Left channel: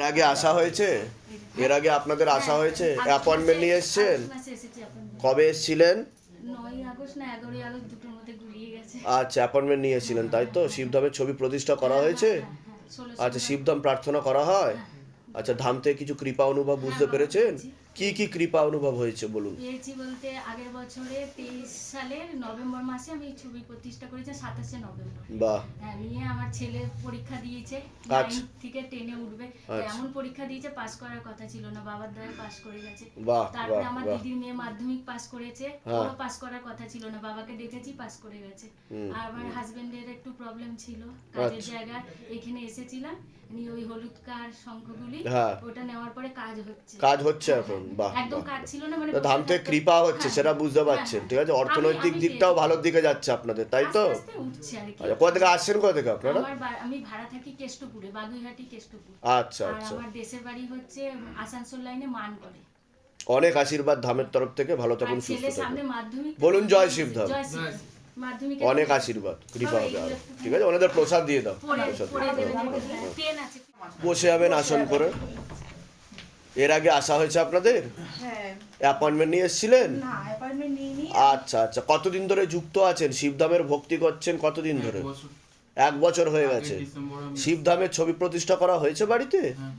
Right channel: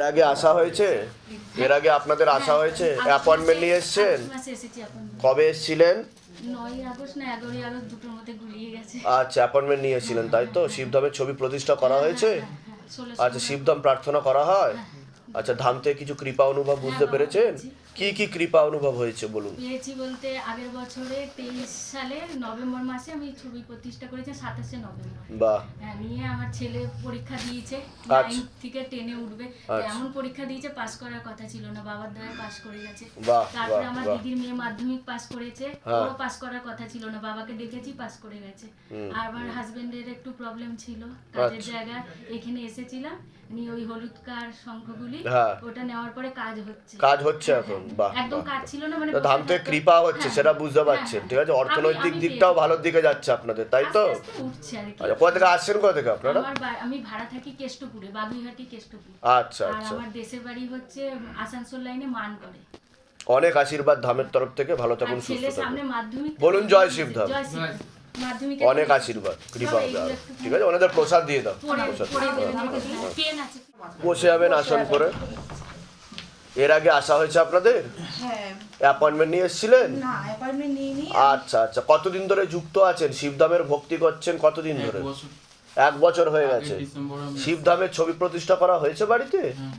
এর আগে আসা হয়েছে? এর আগে আপনাদের আসা হয়েছে? অ্যাপয়েন্টমেন্ট নিয়ে এসছেন। কবে এসছিলেন? আচ্ছা অ্যাপয়েন্টমেন্ট নিয়ে এসেছিলেন তাই তো? শিবধামের ছবি প্রতিষ্ঠা করা হয়েছে? হ্যাঁ, হ্যাঁ, আচ্ছা শিবধাম প্রার্থনা করা হয়? আচ্ছা ধাম থেকে কিছু কৃপা অনুভব বুঝতে পেরেছেন। কি কি কৃপা অনুভব হয়েছে বলুন? পেয়েছি বলতে আগের বছরে তেইশ সালের নভেম্বর মাসে আমি ছবি প্রতিষ্ঠা করেছি সাতাশে নভেম্বর। বাহ। হ্যাঁ নিয়ে আমার ছেলে পরীক্ষা দিয়েছে আচ্ছা। নাইন থেকে টেনে উঠবে। আচ্ছা। এমন পরীক্ষা দিয়েছে পাস করার কথা ছিল না বাবার দ্বারা পাস করে গেছে। বাহ তারপরে আমার দিদির মেয়ে মাধ্যমিক পাস করেছে হ্যাঁ। ও পাস করার কথা ছিল না বাবাকে দেখেছি পাস করে গেছে। আর আমার হাজবেন্ডের একটু প্রবলেম ছিল কাজের জায়গা এখানে এসেছিলাম। নিয়ে ওই হলুদ কার শঙ্খগুলি হ্যাঁ। ওটা নেওয়ার পরে কাজ হচ্ছে। কাজ হচ্ছে এখন বাহ একদম কাজ ছিল না মানে তো ধাম থেকে কৃপা হচ্ছে হ্যাঁ, সেটা বুঝতে হ্যাঁ, পারছেন হ্যাঁ। ঠিক আছে অর্থনৈতিক দিকটাও ভালোর দিকে যাচ্ছে আপনাদের তাই তো? আচ্ছা কোথা থেকে আসছেন কোথা থেকে আপনারা? আমি ভাড়া থাকি কেষ্টপুরে বাগুইহাটি কেষ্টপুর। আচ্ছা আচ্ছা। আমার দেশের বাড়ি হচ্ছে আসানসোল লাইনে মান করে অনেক আশীর্বাদ ধামের তরফ থেকে ভালো থাকুন সুস্থ থাকুন। বলুন জয় শিবধাম। জয় শিবধাম। মাধ্যমিক অনেক আশীর্বাদ কৃপা হবে আরও। ঠিক আছে ওনাদের প্রসাদ দিয়ে দাও। প্রসাদ বসে যাবেন আসন করে। এর আগে আসা হয়েছে আপনাদের? হ্যাঁ। অ্যাপয়েন্টমেন্ট নিয়ে এসেছিলেন? না অ্যাপয়েন্টমেন্ট নিইনি। আচ্ছা আচ্ছা। কতদিন ধরে যুক্ত আছেন? শিবধামের ভক্তি করছেন কতদিন ধরে? এক বছর হয়ে গেছে। শিবধামের ছবি প্রতিষ্ঠা করা হয়েছে বাড়িতে? হ্যাঁ।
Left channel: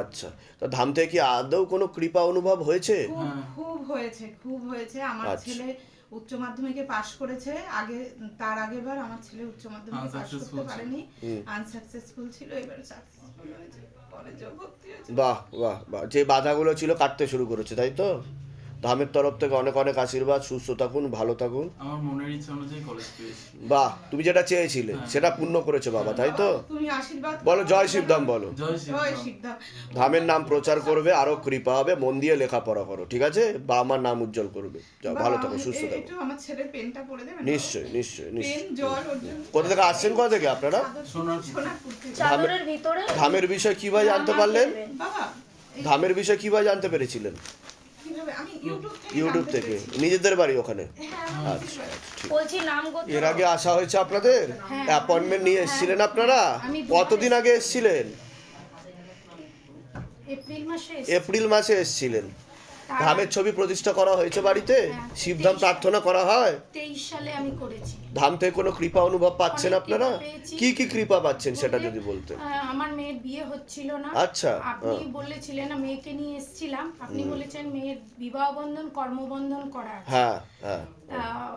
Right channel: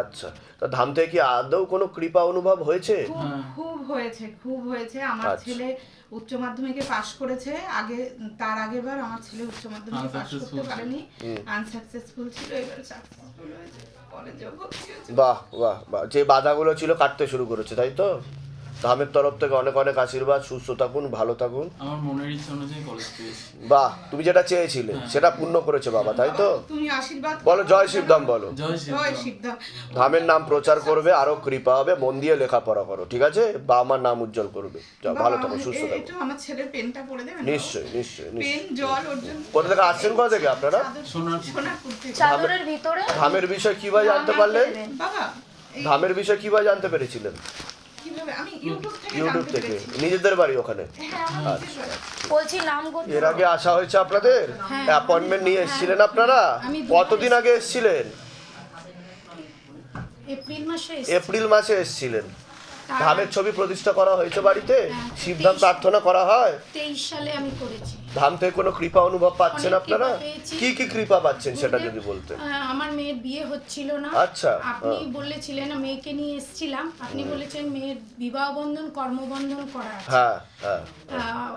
আচ্ছা। তো ধাম থেকে কি আদৌ কোনো কৃপা অনুভব হয়েছে? খুব খুব হয়েছে খুব হয়েছে। আমার আচ্ছা। ছেলে উচ্চ মাধ্যমিকে পাশ করেছে। আগে তার আগের বার আমার ছেলে উচ্চ মাধ্যমিকে পাশ করতে পারেনি। আনসাকসেসফুল ছিল এবার সাকসেসফুল হয়েছে। কলেজেও ভর্তি হয়েছে বাহ বাহ বাহ। যে বাধাগুলো ছিল কাটতে শুরু করেছে তাই তো? ধামের তরফ থেকে অনেক অনেক আশীর্বাদ সুস্থ থাকুন ভালো থাকুন। আমার মনের ইচ্ছা অনুযায়ী কলেজ পেয়েছি। বাহ তুমি যেটা চেয়েছিলে সেটা পূর্ণ করেছে বাবা তাই তো? তুমি আশীর্বাদ বলো জয় শিবধাম বলো। জয় শিবধাম। সিদ্ধাম ধামের নাম প্রচার করবে আরও কৃপা হবে মন দিয়ে লেখাপড়া করো ঠিক আছে? বা আমার নাম উজ্জ্বল করবে। যাও ভালো থাকো সুস্থ থাকো। একটু আমার ছেলের পেনটা পড়ে দেবেন? নিশ্চয়ই নিশ্চয়ই পেন নিশ্চয়ই জল কোথা থেকে আসছেন কোথা থেকে আপনারা? সোনারপুর। সোনারপুর থেকে। চাদরের ভিতরে? ধামের বিষয় কীভাবে জানতে পারলেন? বাবা ধামের বিষয় কীভাবে জানতে পেরেছিলেন? ইউটিউব থেকে। নিজেদের বাড়ি ওখানে। হ্যাঁ। বলছি নাম এর আগে আসা হয়েছে আপনাদের? অ্যাপয়েন্টমেন্ট নিয়ে এসেছিলেন আপনারা? কতদিন আগে এসেছিলেন? এপ্রিল মাসে এসেছিলেন। ধামের ছবি প্রতিষ্ঠা করা হয়েছে বাড়িতে? শিবধাম প্রার্থনা করা হয়? তেইশ সালে আমি করেছি। ধাম থেকে কোনো কৃপা অনুভব পাচ্ছেন আপনারা? কি কি কৃপা পাচ্ছেন সেটা যদি বলতে আমার মেয়ের বিয়ে হচ্ছিল না। আচ্ছা, আপনি হ্যাঁ। বলেছিলেন মেয়েকে নিয়ে এসেছিলাম। আপনি বলেছেন মেয়ের বিবাহ বন্ধন কর্মবন্ধন করা হ্যাঁ হ্যাঁ আহ,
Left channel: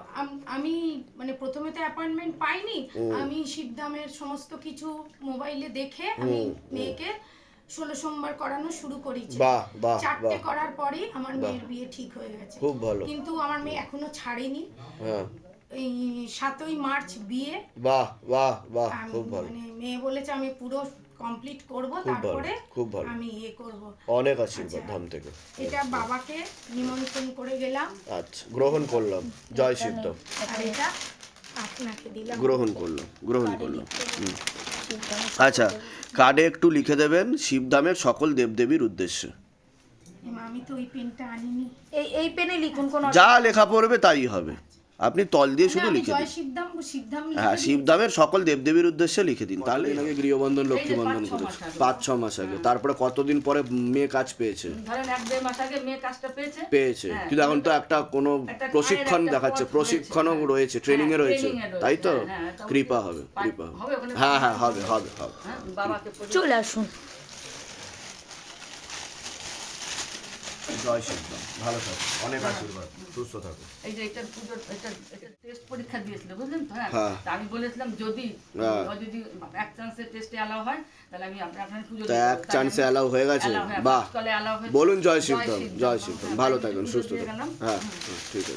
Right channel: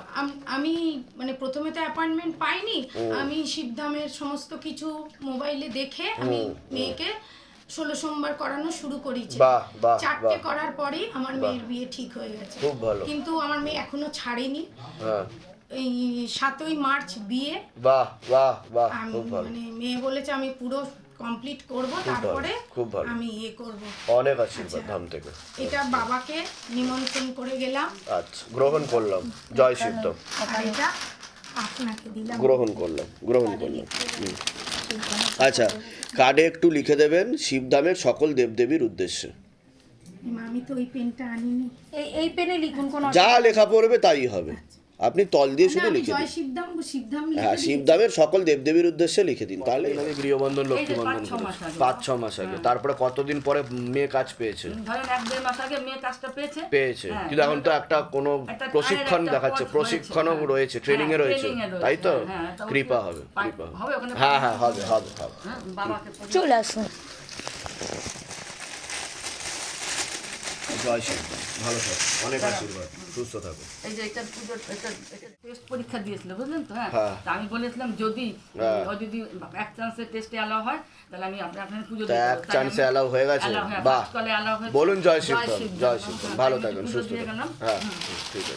আমি মানে প্রথমে তো অ্যাপয়েন্টমেন্ট পাইনি। আমি শিবধামের সমস্ত কিছু মোবাইলে দেখে আমি মেয়েকে ষোলো সোমবার করানো শুরু করেছি বাহ বাহ চারটে করার পরেই আমার মেয়ের বিয়ে ঠিক হয়ে গেছে। খুব ভালো। কিন্তু আমার মেয়ে এখনও ছাড়েনি। হ্যাঁ। এই সাতই মার্চ বিয়ে। বাহ বাহ বাহ খুব ভালো। মানে মেয়ে বলেছে আমি পুরো কমপ্লিট করব তারপরে খুব ভালো। আমি ইয়ে করব। অনেক আশীর্বাদ ধাম থেকে। এটা বাবাকে নিমন্ত্রণ করে গেলাম। আচ্ছা গ্রহণ করলাম। জয় শিবধাম এটা আপনাকে দিলাম। গ্রহণ করলাম গ্রহণ করলাম। আচ্ছা কার্ডে একটু লিখে দেবেন শিবধামের সকল দেবদেবীর উদ্দেশ্যে। আমি তো ওই পেনটা আনিনি। এই এই পেনে লিখুন কোন যা লেখা পড়বে তাই হবে। আপনি তল দিয়ে শুধু লিখে দিন। হ্যাঁ। শিবধামের সকল দেবদেবীর উদ্দেশ্যে লিখে দিন তাহলে এনাকে গৃহবন্ধন লক্ষ্মী বন্ধন পাঁচ ছ মাস আগে। তারপরে কতদিন পরে মেয়ে কাজ পেয়েছে? ধরেন এক দেড় মাস আগে মেয়ে কাজটা পেয়েছে। পেয়েছে। হ্যাঁ, কিন্তু এখন তো একটা কোনো প্রশিক্ষণ দেখাচ্ছে প্রশিক্ষণও রয়েছে, রয়েছে হ্যাঁ। ট্রেনিং এ হ্যাঁ, রয়েছে। তাই তো? হ্যাঁ, হ্যাঁ, তো কৃপা হবে কৃপা হবে। হ্যাঁ হ্যাঁ হবে হবে। হবে। হ্যাঁ, চলে আসুন। জয় ভালো থাকো। অনেক আশীর্বাদ। সুস্থ থাকো। এই যে এটা পুজোর এটা টেস্ট পরীক্ষা দিয়েছিল বুঝলেন তো? হ্যাঁ। হ্যাঁ। আমি বলেছিলাম যদি হ্যাঁ। ও যদি এক চান্সে টেস্টে অ্যালাউ হয় তাহলে আমি আপনার পুজো দিয়ে এক চান্সে অ্যালাউ হয়ে গেছে? বাহ। বলুন জয় শিবধাম, জয় হ্যাঁ, ভালো আমি থাকবেন। সুস্থ গেলাম। হ্যাঁ ঠিক আছে।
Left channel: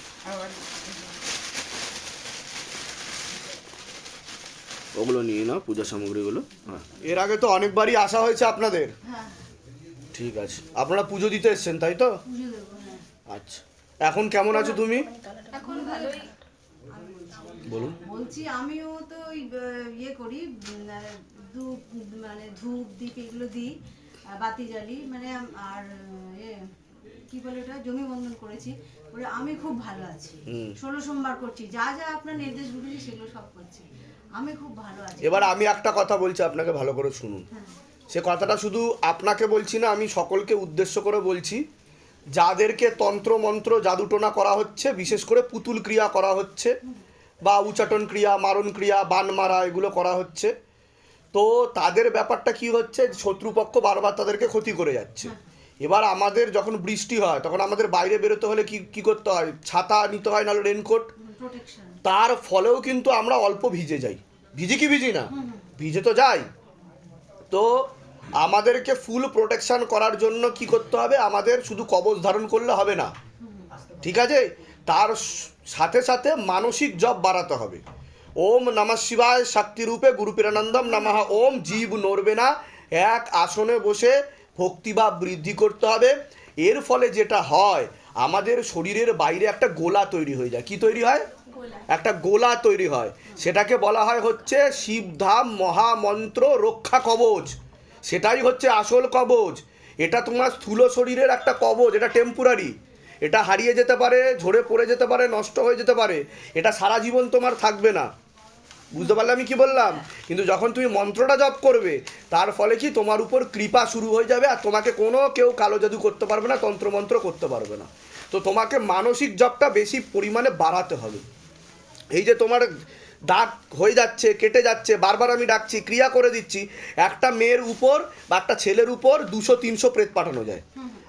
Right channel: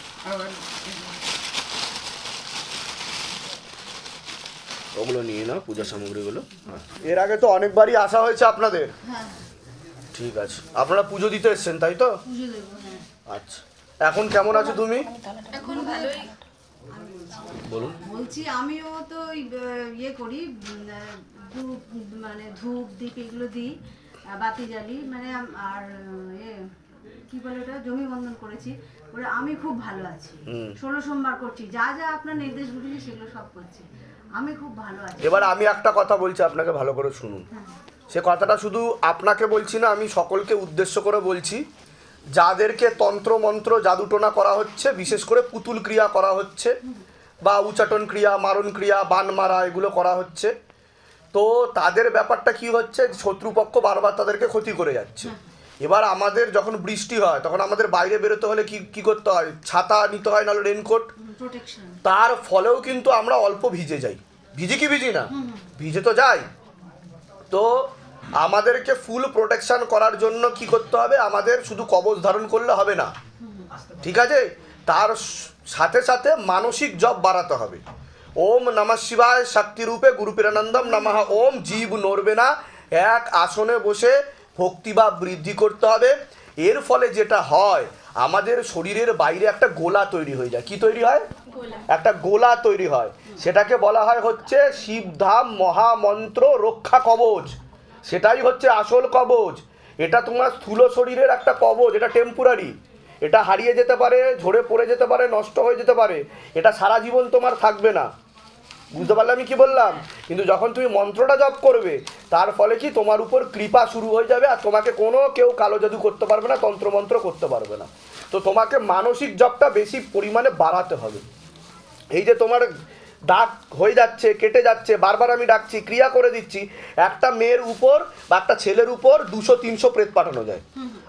ওগুলো নিয়ে নাও পূজা সামগ্রীগুলো। হ্যাঁ। এর আগে তো অনেকবারই আসা হয়েছে আপনাদের। ঠিক আছে। আপনারা পুজো দিতে এসেছেন তাই তো? হ্যাঁ। আচ্ছা। এখন কেমন আছো তুমি? এখন ভালোই। বলুন। বলছি আমিও তো ইয়ে করি ধূপ মানে ধূপ দীপ এগুলো দিই বাতি জ্বালি মানে আর এ কি বলে ওটা জমি বন্ধন করেছি। ওরা আমি খুব ভালো আছি। ষোলো সোমবার করছি যা যা আপনার নির্দেশ নির্দেশগুলি সেগুলো সব করছি। আমি খুব ভালো আছি। এবার আমি একটা কথা বলছি আপনাকে ভালো করে শুনুন। সে কথাটা শুধু আপনাকে বলছি না আমি সকলকে উদ্দেশ্য করে বলছি। যাদেরকে তন্ত্রমন্ত্র জাদুটোনা করা হচ্ছে বিশেষ করে পুতুল ক্রিয়া করা হচ্ছে বা উচাটন ক্রিয়া মারণ ক্রিয়া বান মারা এগুলো করা হচ্ছে তো তাদের ব্যাপারটা কি হচ্ছে শত্রুপক্ষ বারবার তাদেরকে ক্ষতি করে যাচ্ছে। এবার আমাদের যখন বৃষ্টি হয় তখন আমাদের বাইরে বেরোতে হলে কি কি করতে হয়? ছাতা নিতে হয় নাহলে রেনকোট তার ফলেও কিন্তু আমরা অল্প ভিজে যাই। ভিজি কি ভিজি না? ভিজে তো যাই। তো আমাদেরকে ফুল প্রোটেকশন করার জন্য কি করতে হবে? আমাদের শুধু কবচ ধারণ করলে হবে না। ঠিক আছে? তার সাথে সাথে মানসিক জব বাড়াতে হবে। ওম নমঃ শিবায় শক্তিরূপে গুরুপিরানন্দম নমঃ। ওম জীব নড়বে না। এক আসনে বসে ভক্তি বা বৃদ্ধি করতে হবে। এর ফলে যেটা হয় আমাদের শরীরের বাইরে একটা গোলা তৈরি হয়ে যায়। কি তৈরি হয়? একটা গোলা তৈরি হয়। সেটাকে বলা হয় হচ্ছে শিবধাম মহামন্ত্র রক্ষা কবচ। সেটাই হচ্ছে আসল কবচ এটা তোমার স্থূল শরীরের একটা কবচ এটা টেম্পোরারি এটা হারিয়ে যেতে পারে, ঝরে পড়ে যেতে পারে, নষ্ট হয়ে যেতে পারে। এটা সারা জীবন তোমার থাকবে না। বুঝতে পারলে আমি কি বললাম? কিন্তু যখন তুমি মন্ত্রটা জপ করবে, তার ফলে কি তোমার উপর কৃপা শুরু হয়ে যাবে আর তোমাকে কোনো কেউ কালো জাদু করতে পারবে না, তন্ত্রমন্ত্র করতে পারবে না। তো তোমাকে মানসিক জপটা বেশি পরিমাণে বাড়াতে হবে। এই যে তোমার দাগ হয়ে যাচ্ছে কেটে যাচ্ছে বারবার আমি ডাকছি ক্রিয়া করে দিচ্ছি। একটা মেয়ের উপর বা একটা ছেলের উপর দুশো তিনশো প্রেত পাঠানো যায়।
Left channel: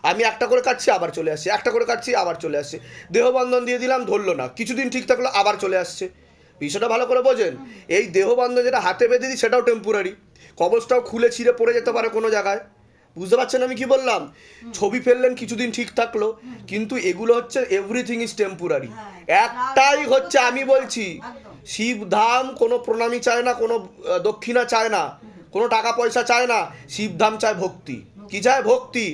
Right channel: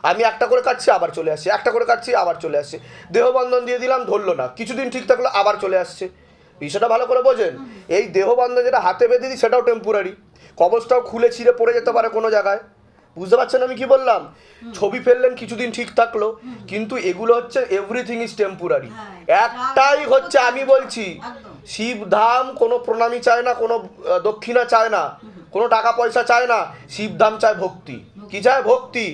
আমি একটা করে কাটছি আবার চলে আসছে একটা করে কাটছি আবার চলে আসছে দেহবন্ধন দিয়ে দিলাম ধরলো না। কিছুদিন ঠিক থাকল আবার চলে আসছে। বিষয়টা ভালো করে বোঝেন। এই দেহবন্ধন যেটা হাতে বেঁধে দিই সেটাও টেম্পোরারি কবচটাও খুলে ছিঁড়ে পড়ে যেতে পারে কোনো জায়গায়। বুঝতে পারছেন আমি কি বললাম? ছবি ফেললেন কিছুদিন ঠিক থাকল। কিন্তু এগুলো হচ্ছে এভরিথিং ইজ টেম্পোরারি একটাই হচ্ছে আমি বলছি। শিবধাম কোনো প্রণামী চায় না কোনো দক্ষিণা চায় না কোনো টাকা পয়সা চায় না শিবধাম চায় ভক্তি। কি চায়? ভক্তি।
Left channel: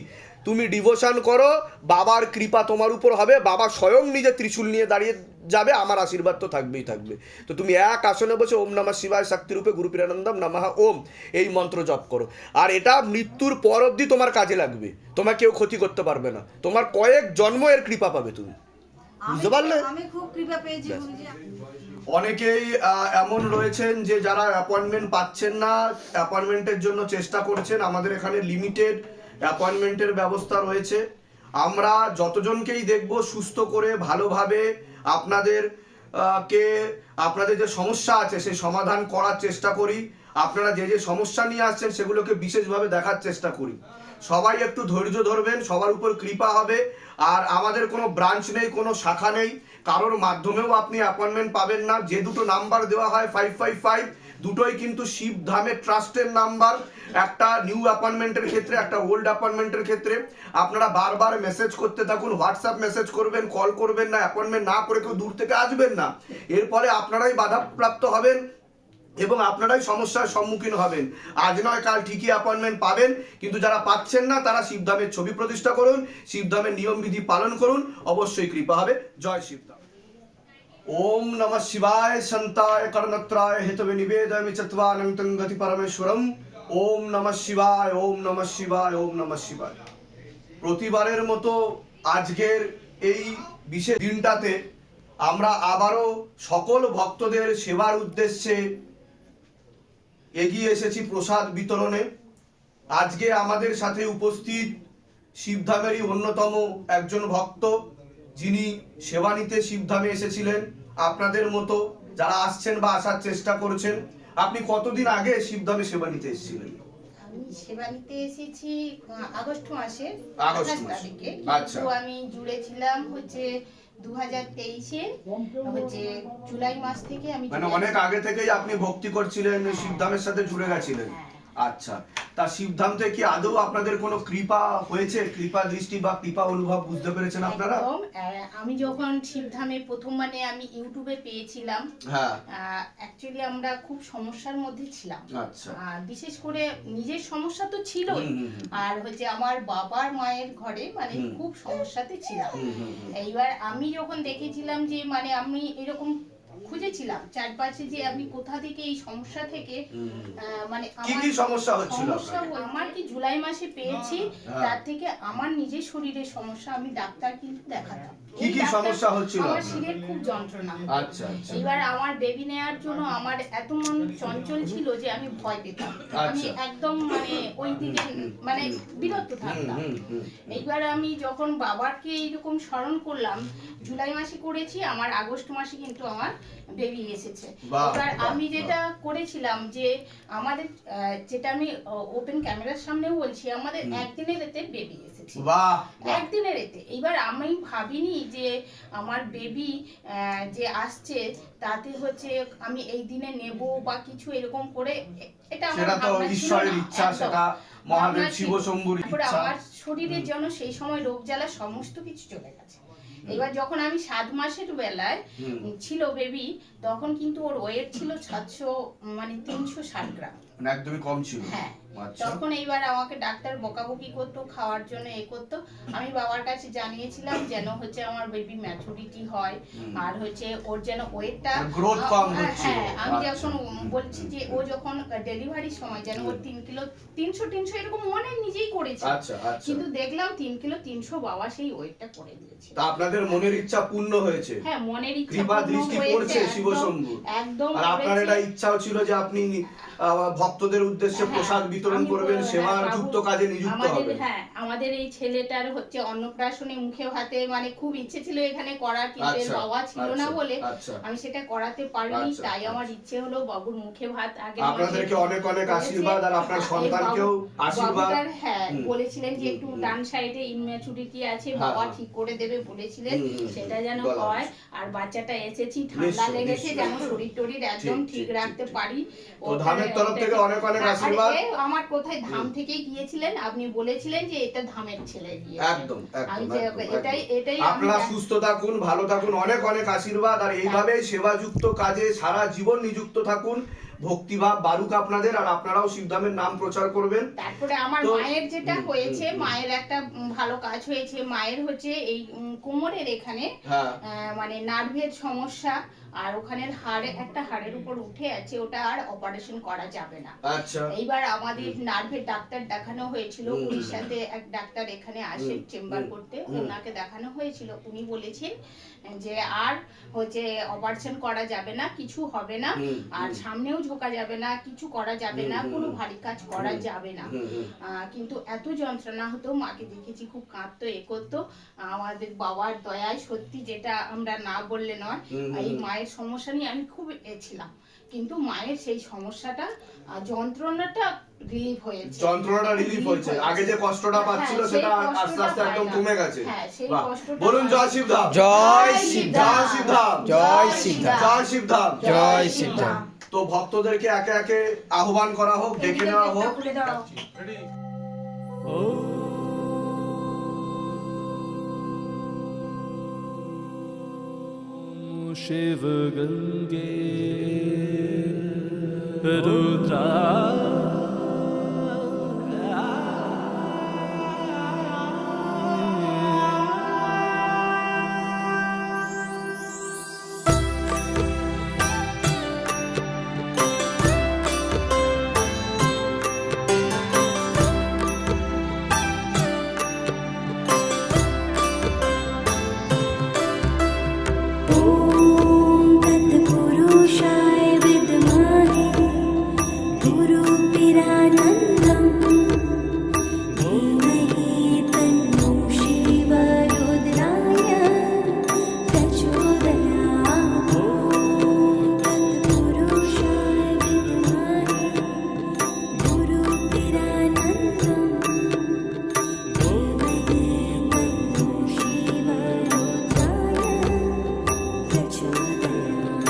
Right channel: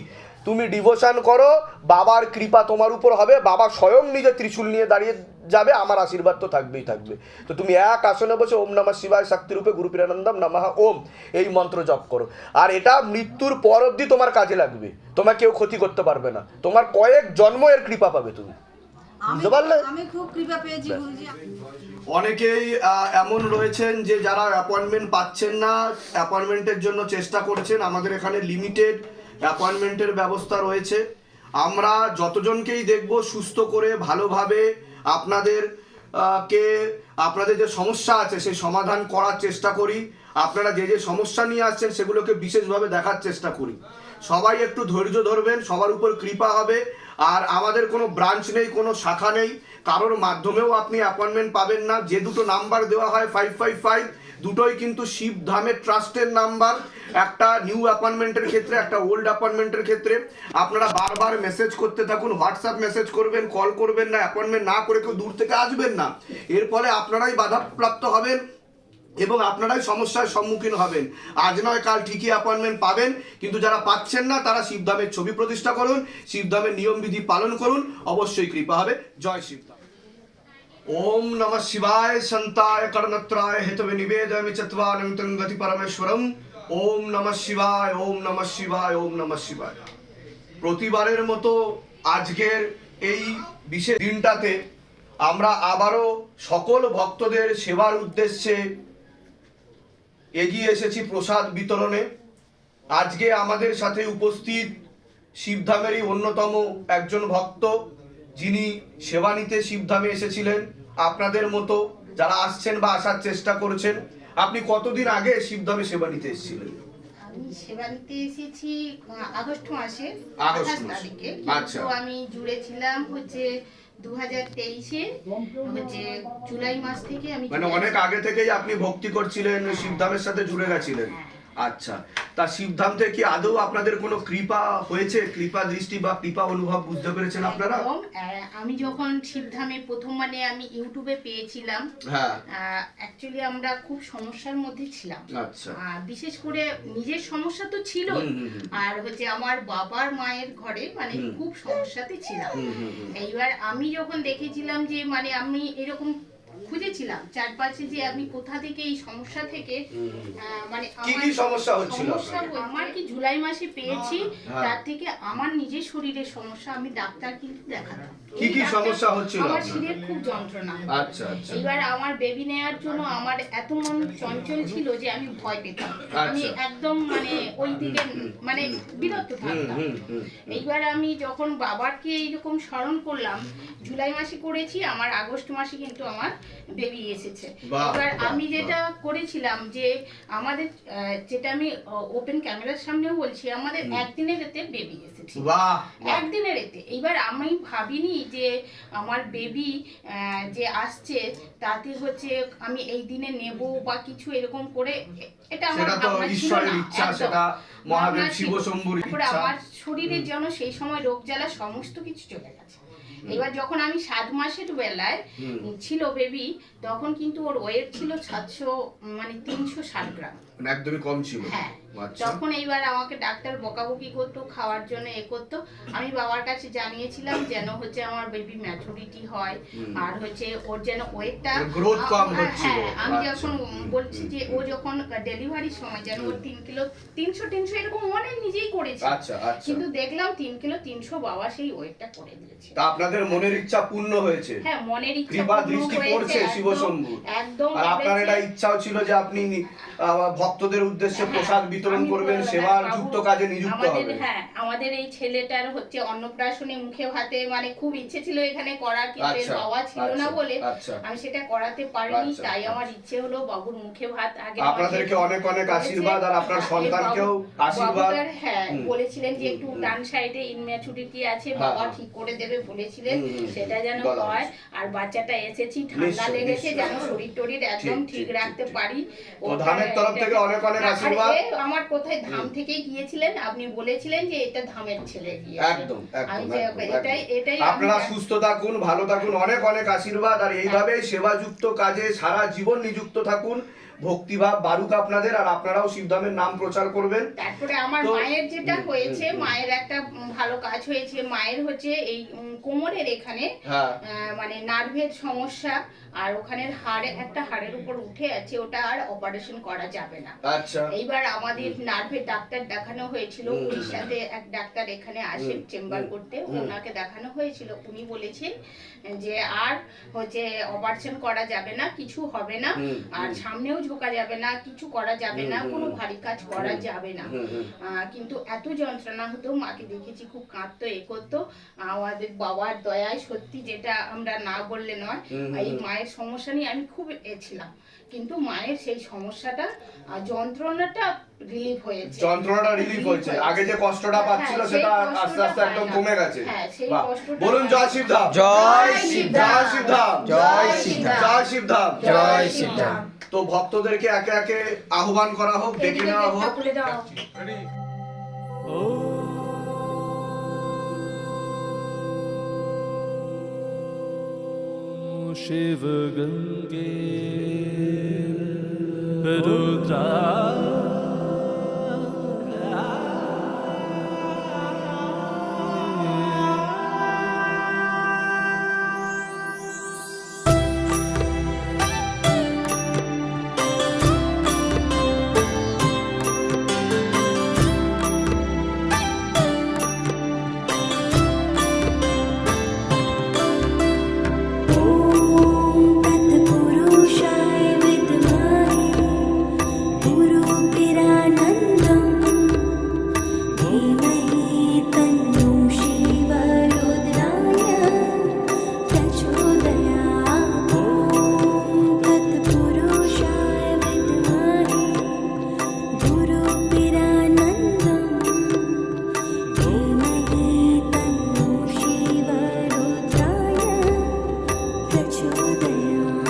তুমি ডিভোশন করো বাবার কৃপা তোমার উপর হবে বাবা স্বয়ং নিজে ত্রিশূল নিয়ে দাঁড়িয়ে যাবে আমার আশীর্বাদ তো থাকবেই থাকবে। তো তুমি এক আসনে বসে ওম নমঃ শিবায় শক্তিরূপে গুরুপিরানন্দম নমঃ ওম এই মন্ত্র জপ করো। আর এটা মৃত্যুর পর অবধি তোমার কাজে লাগবে। তোমার কেউ ক্ষতি করতে পারবে না। তোমার কয়েক জন্ম এর কৃপা পাবে তুমি। বুঝতে পারলে? আমি খুব কৃপা পেয়েছি গুরুজি। অনেকেই এমন রয়েছেন যে যারা অ্যাপয়েন্টমেন্ট পাচ্ছেন না অ্যাপয়েন্টমেন্টের জন্য চেষ্টা করছেন। আমাদের এখানে লিমিটেড অ্যাপয়েন্টমেন্টের ব্যবস্থা রয়েছে। আমরা যতজনকেই দেখব সুস্থ করে, ভালোভাবে আপনাদের কে, আপনাদের যে সমস্যা আছে, সেই সমাধান করার চেষ্টা করি। আপনারা যে যে সমস্যা নিয়ে আসছেন, সেগুলোকে বিশেষভাবে দেখার চেষ্টা করি। সবাই একটু ধৈর্য ধরবেন, সবার উপর কৃপা হবে। আর আমাদের কোনো ব্রাঞ্চ নেই, কোনো শাখা নেই। কারোর মাধ্যমেও আপনি অ্যাপয়েন্টমেন্ট পাবেন না। যে দুটো নাম্বার দেওয়া হয় ফাইভ ফাইভ ফাইভ দুটোই কিন্তু শিব ধামের ট্রাস্টের নাম্বার একটা নিউ অ্যাপয়েন্টমেন্টের ক্ষেত্রে, একটা ওল্ড অ্যাপয়েন্টমেন্টের ক্ষেত্রে। আপনারা বারবার মেসেজ করতে থাকুন হোয়াটসঅ্যাপ মেসেজ করবেন কল করবেন না অ্যাপয়েন্টমেন্ট না করে কেউ দূর থেকে আসবেন না। এর ফলে আপনারাই বাধাপ্রাপ্ত হবেন। এবং আপনারাই সমস্যার সম্মুখীন হবেন। আজ নয়, কাল ঠিকই অ্যাপয়েন্টমেন্ট পাবেন, কিন্তু যারা পাচ্ছেন না, তারা শিবধামের ছবি প্রতিষ্ঠা করুন, শিবধামের নিয়মবিধি পালন করুন, অবশ্যই কৃপা হবে। জয় শিবধাম। ওম নমঃ শিবায় সন্তায় কর্ণত্রায় হেতবে নিবেদয়ামি চত্বানন্তং গতি পরমেশ্বরম। ওম নমঃ শিবায়, ওম নমঃ শিবায়, ওম নমঃ শিবায়। প্রতিবারের মতো আজকের এই বিশেষ দিনটাতে আমরা আবারও সকল ভক্তদের সেবার উদ্দেশ্যে এগিয়ে এসেছি প্রসাদ বিতরণে। আজকে আমাদের সাথে উপস্থিত শিবধামেরই অন্যতম একজন ভক্ত যিনি সেবা নিতে শিবধামে এসেছিলেন। আপনাদের মতো যারা আসছেন বা আসার চেষ্টা করছেন আপনি কতদিন আগে শিবধামে সেবা নিতে এসেছিলেন? আমি সেবা নিতে এসেছি আগস্ট মাসে আগস্ট আঠাশ তারিখে। আচ্ছা। কিন্তু আমি তেইশে হচ্ছে জুলাই মাস থেকে আমি মানে অনেক আগে থেকেই আপনি ভক্তি করছিলেন শিবধামের সাথে জুড়ে গেছিলেন। আচ্ছা তা শিবধাম থেকে আদৌ আপনাদের কোনো কৃপা হয়েছে? কৃপা দৃষ্টি বা কৃপা অনুভব বুঝতে পেরেছেন আপনারা? একদম আহ, আমি যখন শিবধামে প্রথম মানে আমি ইউটিউবে পেয়েছিলাম হ্যাঁ। অ্যাকচুয়ালি আমরা খুব সমস্যার মধ্যে ছিলাম। আচ্ছা। আহ, বিশেষ করে নিজের সমস্যা তো ছিলই। হুম, হুম, হুম। আর হচ্ছে আমার বাবার মায়ের ঘরে মানে হুম। খুব সমস্যাতে ছিলাম। হুম, হুম, হুম। এইবার আমি যখন দেখেছিলাম যে মানে আমি এরকম খুঁজেছিলাম চারপাশে যে আমি কোথা থেকে এই সমস্যা থেকে মানে কি আমার কি সমস্যা হচ্ছিল আমার কি জুলাই মাসে পেয়েছি হ্যাঁ। তার থেকে আমার নিজের শরীরের সমস্যা আমি ডাক্তার কিন্তু দেখাতাম। কি কি সমস্যা হচ্ছিল আমার? শিরের খুব যন্ত্রণা। আচ্ছা আচ্ছা। এবার আমার বেবি নেওয়ার জন্য আমার এত মন চঞ্চল ছিল যে আমি ভয় পেতাম। আমি আচ্ছা। একদম মানে ওই দিকে মানে হুম থাকতাম। এইবার আমি যখন বাবাকে এইরকম স্মরণ করলাম জুলাই মাসে করেছি আমার আগস্ট মাসে কিন্তু আমার বেবি এসেছে। এবার আমি যেটা করেছিলাম যে আমাদের যেটা আমি ওপেন ক্যামেরার সামনেও বলছি আমাদের একদিনের এতে বেবি এসেছে। বাহ। একদিনের এতে। এবার আমি ভাবিনি যে আমার বেবি যে আসছে তাতে হচ্ছে আমি এই দিনে নেব বা কিছু এরকম করে এটা আমার সেটা তো ঈশ্বরের ইচ্ছা। সেটা মহাদেব শিব। শম্ভুর ইচ্ছা। আমার শরীরের যেন সেই সময় রোগ জ্বালা সমস্ত কিছু চলে গেছে। এবার যখন আমি সাত মাসের বেলায়। ছিল বেবি তখন কিন্তু ওর ওয়েট ছিল সাতশো মানে তিনশো ষাট গ্রাম। মানে একদমই কম ছিল। হ্যাঁ। তখন এইবার আমাকে ডাক্তার বকাবকি করতো খাওয়ার জন্য এ করতো আমি বাবার কাছে জানিয়েছিলাম যেন হচ্ছে আমার বেবি ম্যাচুরিটি হয় আর হচ্ছে ওর যেন ওয়েটটা কম হচ্ছিল। আমি আচ্ছা। যখন বলছি যে ও যখন ডেলিভারির সময় যেন ওর তিন কিলো তিনশো তিনশো এরকম মনে নিজেই করেছে। আচ্ছা আচ্ছা। কিন্তু দেখলাম তিন কিলো তিনশো বাবা সেই ওয়েটটা করে দিয়েছে। তা আপনাদের মনের ইচ্ছা পূর্ণ হয়েছে? হ্যাঁ মনের ইচ্ছা কৃপা দৃষ্টি পড়ছে শিবশম্ভু একদম আর আপনার। এটা ইচ্ছাও ছিল যে আপনি ভক্তদের উদ্দেশ্যে হ্যাঁ, প্রসাদ বিতরণ করবেন হ্যাঁ, যুক্ত কাজে নিযুক্ত হবেন হ্যাঁ আমাদের এই ছেলেটার হচ্ছে অন্নপ্রাশনে মুখে হাতে মানে খুব ইচ্ছে ছিল এখানে করার কিন্তু আচ্ছা, বাবা ছিল না আচ্ছা, বলে আচ্ছা। আমি সেটা করাতে পারিনি তাই আমার। ইচ্ছে হলো বাবুর মুখে ভাত আগে আপনাদেরকে অনেক অনেক আশীর্বাদ আর আপনার সন্তানকেও আশীর্বাদ হ্যাঁ বলেছিলেন যে একটু। ডান সাইডে ইনম্যাচুরিটি আছে হ্যাঁ, বাবা হ্যাঁ। ঠিক করে দেবে বলেছিলেন সেটা যেন হয় আর বাচ্চাটা এসেছি ঠান্ডা লেগেছে যেন শরীর টরীর একদম ঠিক, রাখতে পারি তো ওটা- ধামের তরফ থেকে অনেক অনেক আশীর্বাদ। আমার কোথায় ধাম থেকে গিয়েছিলেন আপনি বলেছিলেন যে এটা ধামের ছেলে একদম এটাই এটাই আপনারা সুস্থ থাকুন ভালো থাকুন অনেক অনেক আশীর্বাদ। আর এইভাবেই সেবাযুক্ত কাজে সারা জীবন নিযুক্ত থাকুন। ভক্তিভাব বারুক আপনাদের আর আপনারাও শিবধামের নাম প্রচার করবেন। তারপরে আমার মায়ের যেটা হয়েছে। মায়ের একটা ভালো কাজ হয়েছে। মায়ের হচ্ছে এই কোমরের এখানে হ্যাঁ। মানে নার্ভের সমস্যা। আর ওখানের হাড়ে একটা হাড়ের উপর উঠে আছে ওটা আর অপারেশন করা যাবে না। আচ্ছা। এইবার আমাদের নার্ভের ডাক্তার দেখানো হয়েছিল। উড়িষ্যাতে এক ডাক্তার এখানে হুম, চেম্বার করতে ওনাকে দেখানো হয়েছিল। উনি বলেছেন যে আর হচ্ছে অপারেশন করা যাবে না কিছু হবে না আর সামনেও ঝোকা যাবে না কিছু করা যাবে না কোনো ভারী কাজ করা যাবে না। কিন্তু এত যন্ত্রণা হতো মাকে দেখেছি খুব কাঁদতো এ করতো। আমাদের বাবার দয়ায় সত্যি যেটা আমরা না বললে নয় এই হুম। মায়ের সমস্যা নিয়ে আমি খুব এ ছিলাম। কিন্তু মায়ের সেই সমস্যাটা যন্ত্রণাটা রিলিভ হয়েছে। যন্ত্রণাটা রিলিফ হয়েছে। আগে যে কষ্টটা পাচ্ছিল হ্যাঁ, সেটা আস্তে আস্তে একদম কমে গেছে। হ্যাঁ, সেই বাহ। কষ্টটা বলুন জয়। শিবধাম। জয় শিবধাম। জয় শিবধাম। জয় শিবধাম। জয় শিবধাম। জয় শিবধাম। তো ভক্তদেরকে একে একে আহ্বান করা হোক ডেকে নেওয়া হোক। খুলে Shiv Gange Rudra that you're there.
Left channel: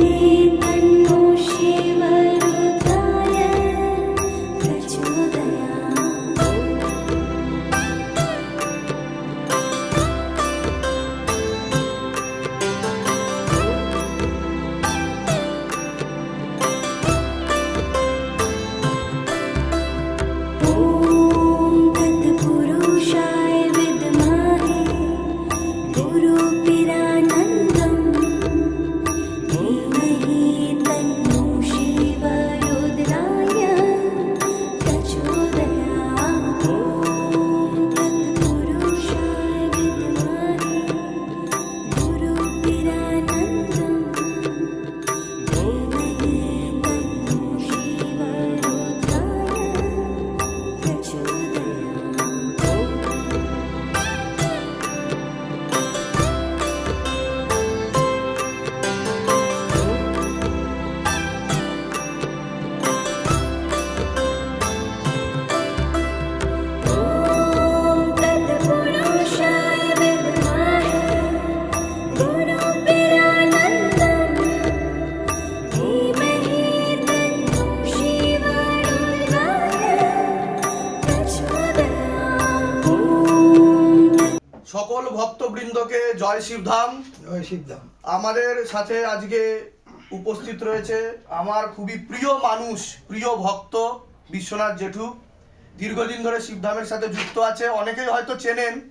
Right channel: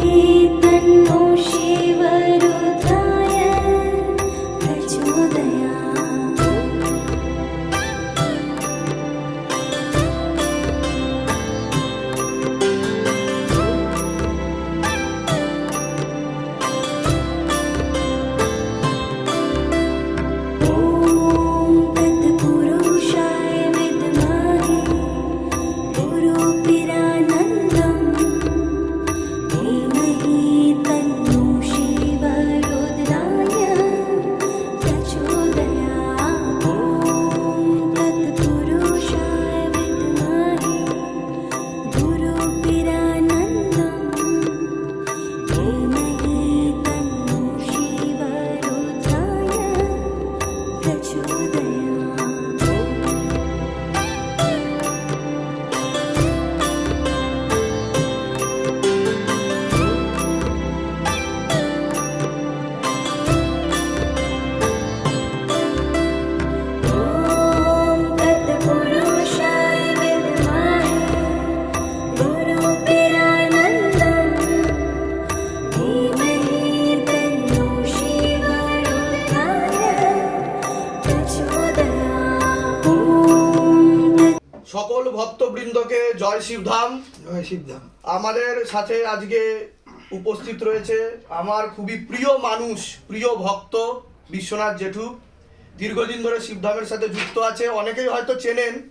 लिए শিবধাম। জয় শিবধাম। আমাদের সাথে আজকে উপস্থিত রয়েছে আমার খুবই প্রিয় মানুষ প্রিয় ভক্ত বিশ্বনাথ জেঠু। দীর্ঘদিন ধরে শিবধামের সাথে যুক্ত আছে। অনেকেই হয়তো চেনেন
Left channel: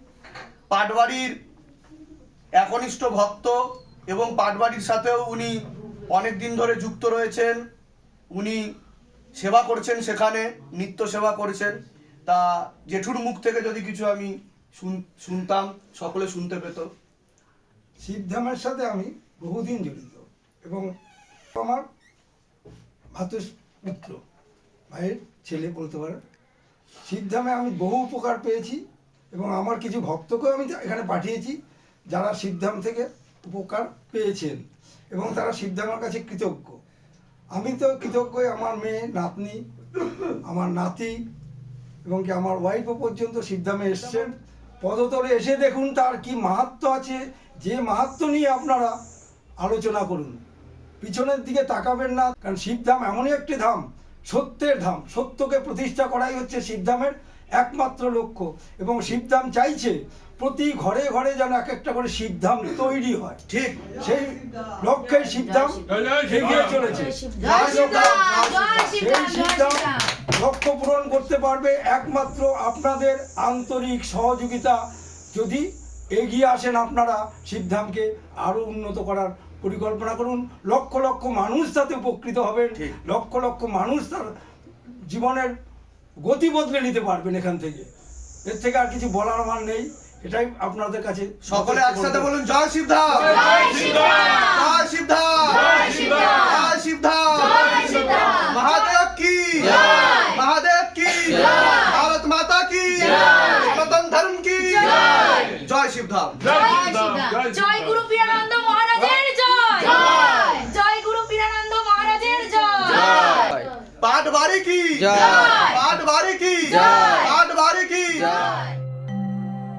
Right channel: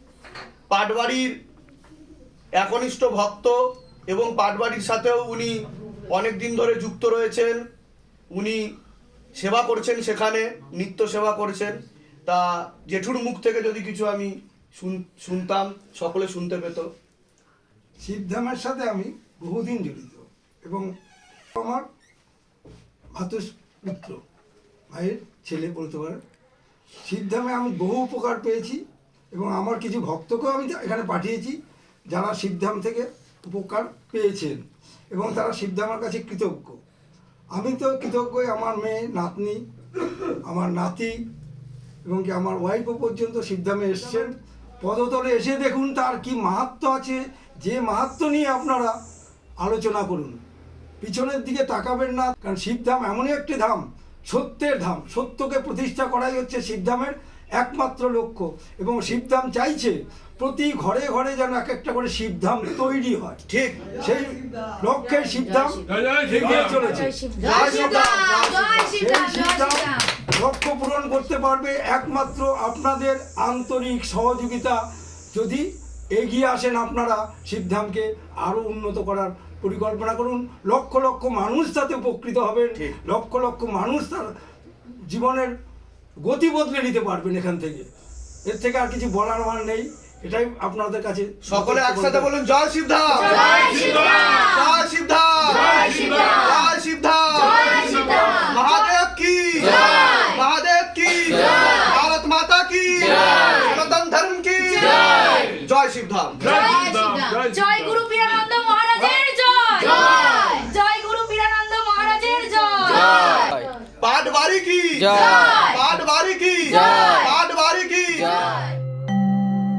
পাটবাড়ির একনিষ্ঠ ভক্ত এবং পাটবাড়ির সাথেও উনি অনেক দিন ধরে যুক্ত রয়েছেন। উনি সেবা করছেন সেখানে নিত্য সেবা করছেন। তা জেঠুর মুখ থেকে যদি কিছু আমি শুন- শুনতাম সকলে শুনতে পেত। শিবধামের সাথে আমি বহুদিন জড়িত এবং আমার ভাতুষ পুত্র, ভাইয়ের ছেলে বলতে পারেন শিবধামে আমি বহু উপকার পেয়েছি এবং আমার কিছু ভক্তকেও আমি এখানে পাঠিয়েছি যারা শিবধাম থেকে উপকার পেয়েছেন এবং তারা শিবধামের কাছে কৃতজ্ঞ। আমি তো কৃতজ্ঞ আমার মেয়ে, নাতনি, আমার নাতি এবং কি আমার ওয়াইফও পর্যন্ত সিদ্ধামে এসছেন। পদতলে এসে দেখুন তার কি মাহাত্ম আছে যে মাহাত্ম নিয়ে আপনারা আলোচনা করুন পিছনের দিকে তাকাবেন না কারণ শিবধাম এমনই একটি ধাম সত্যের ধাম সত্যকে প্রতিষ্ঠা করাই হচ্ছে শিবধামের একমাত্র লক্ষ্য। এবং শিবধাম চাইছে প্রতি ঘরে ঘরে যেন এক একটা করে শিবধাম তৈরি হয়। ঠিক। সেই লক্ষ্যে শিবধাম এগিয়ে চলেছে। জয় শিবধাম সিদ্ধান্ত লক্ষ্য পূরণ করতে পারবে একমাত্র আপনাদের আন্তরিক সহযোগিতা। যদি এগিয়ে আসেন আপনারা সিদ্ধামকে আরও উন্নত করার পরিকল্পনা করুন। লক্ষ লক্ষ মানুষ তাতে উপকৃত হবেন ঠিক। লক্ষ লক্ষ মানুষ তার জীবনের গতি বদলে নিতে পারবেন এখান থেকে। এর থেকে আর কিছু বলার আমার নেই এটাই আপনাদের কাছে সকলে একসাথে বলুন জয় শিবধাম জয় শিবধাম জয় শিবধাম মহাদেব কি? মহাদেব কি? ভারত মাতা কি? জয় শিবধাম। জয় গুরু পীরানন্দ মহারাজের জয়। জয়। গুরু পীরানন্দ মহারাজের জয়। পাট বাড়ি কি? পাট বাড়ি কি? পাট বাড়ি কি?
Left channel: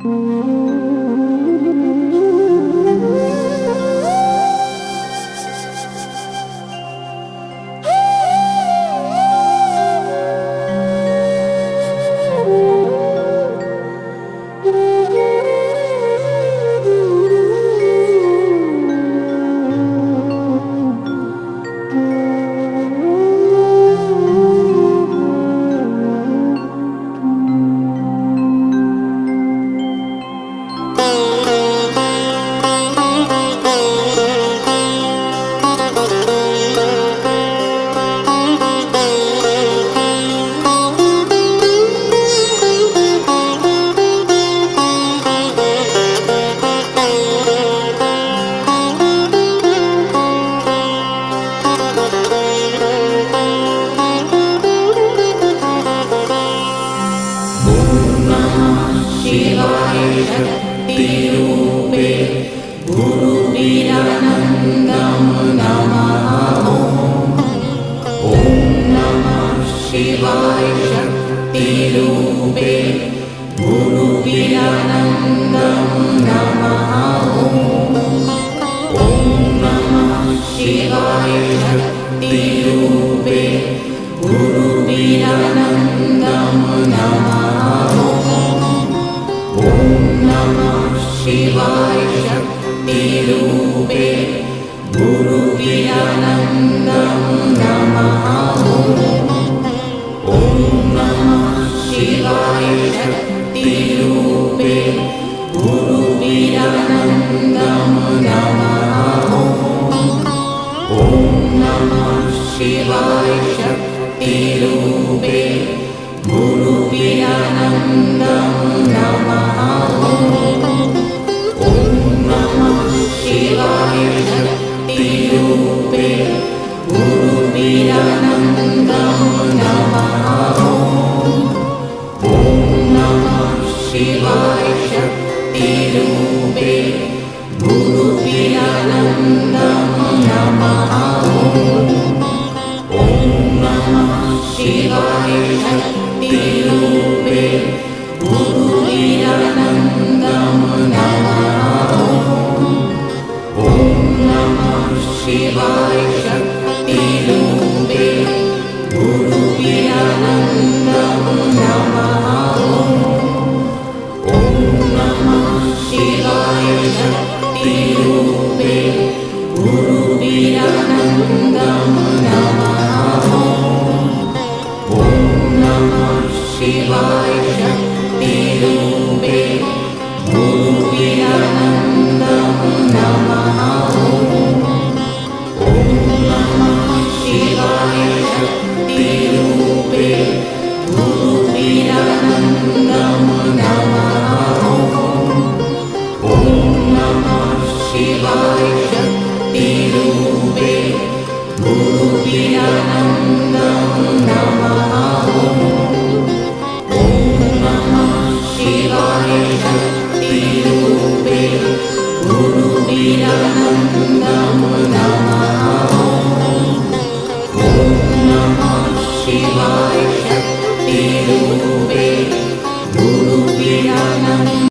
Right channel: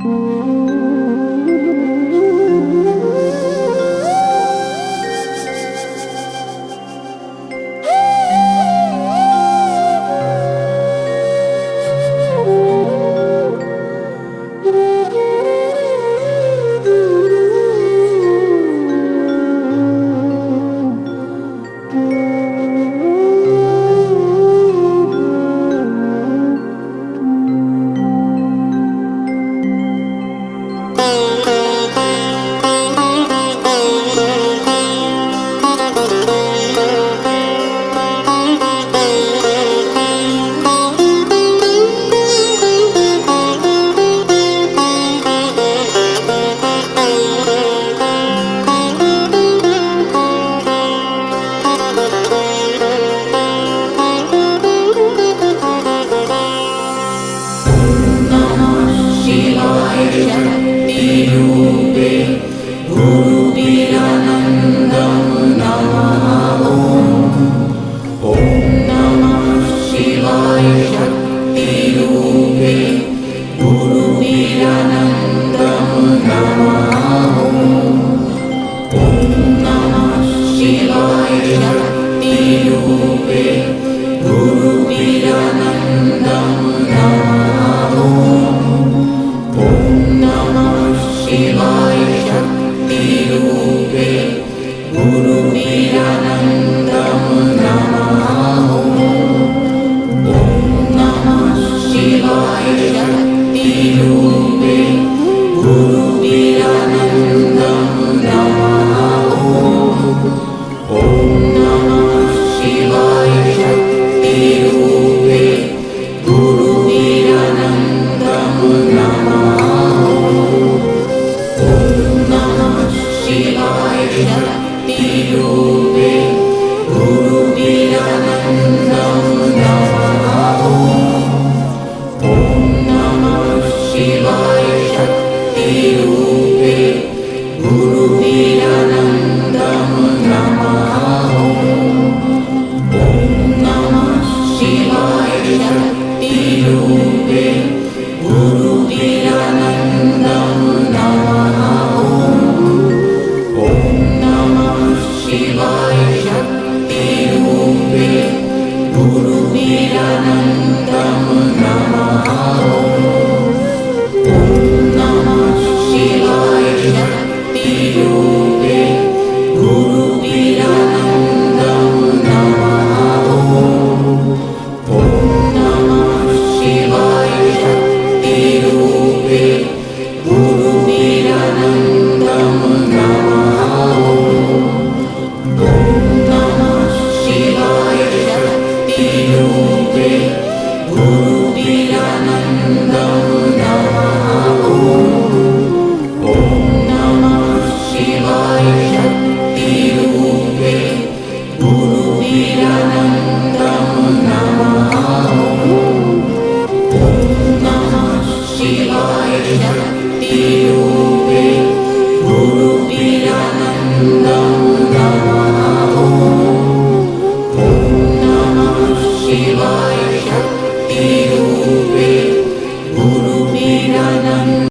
Thank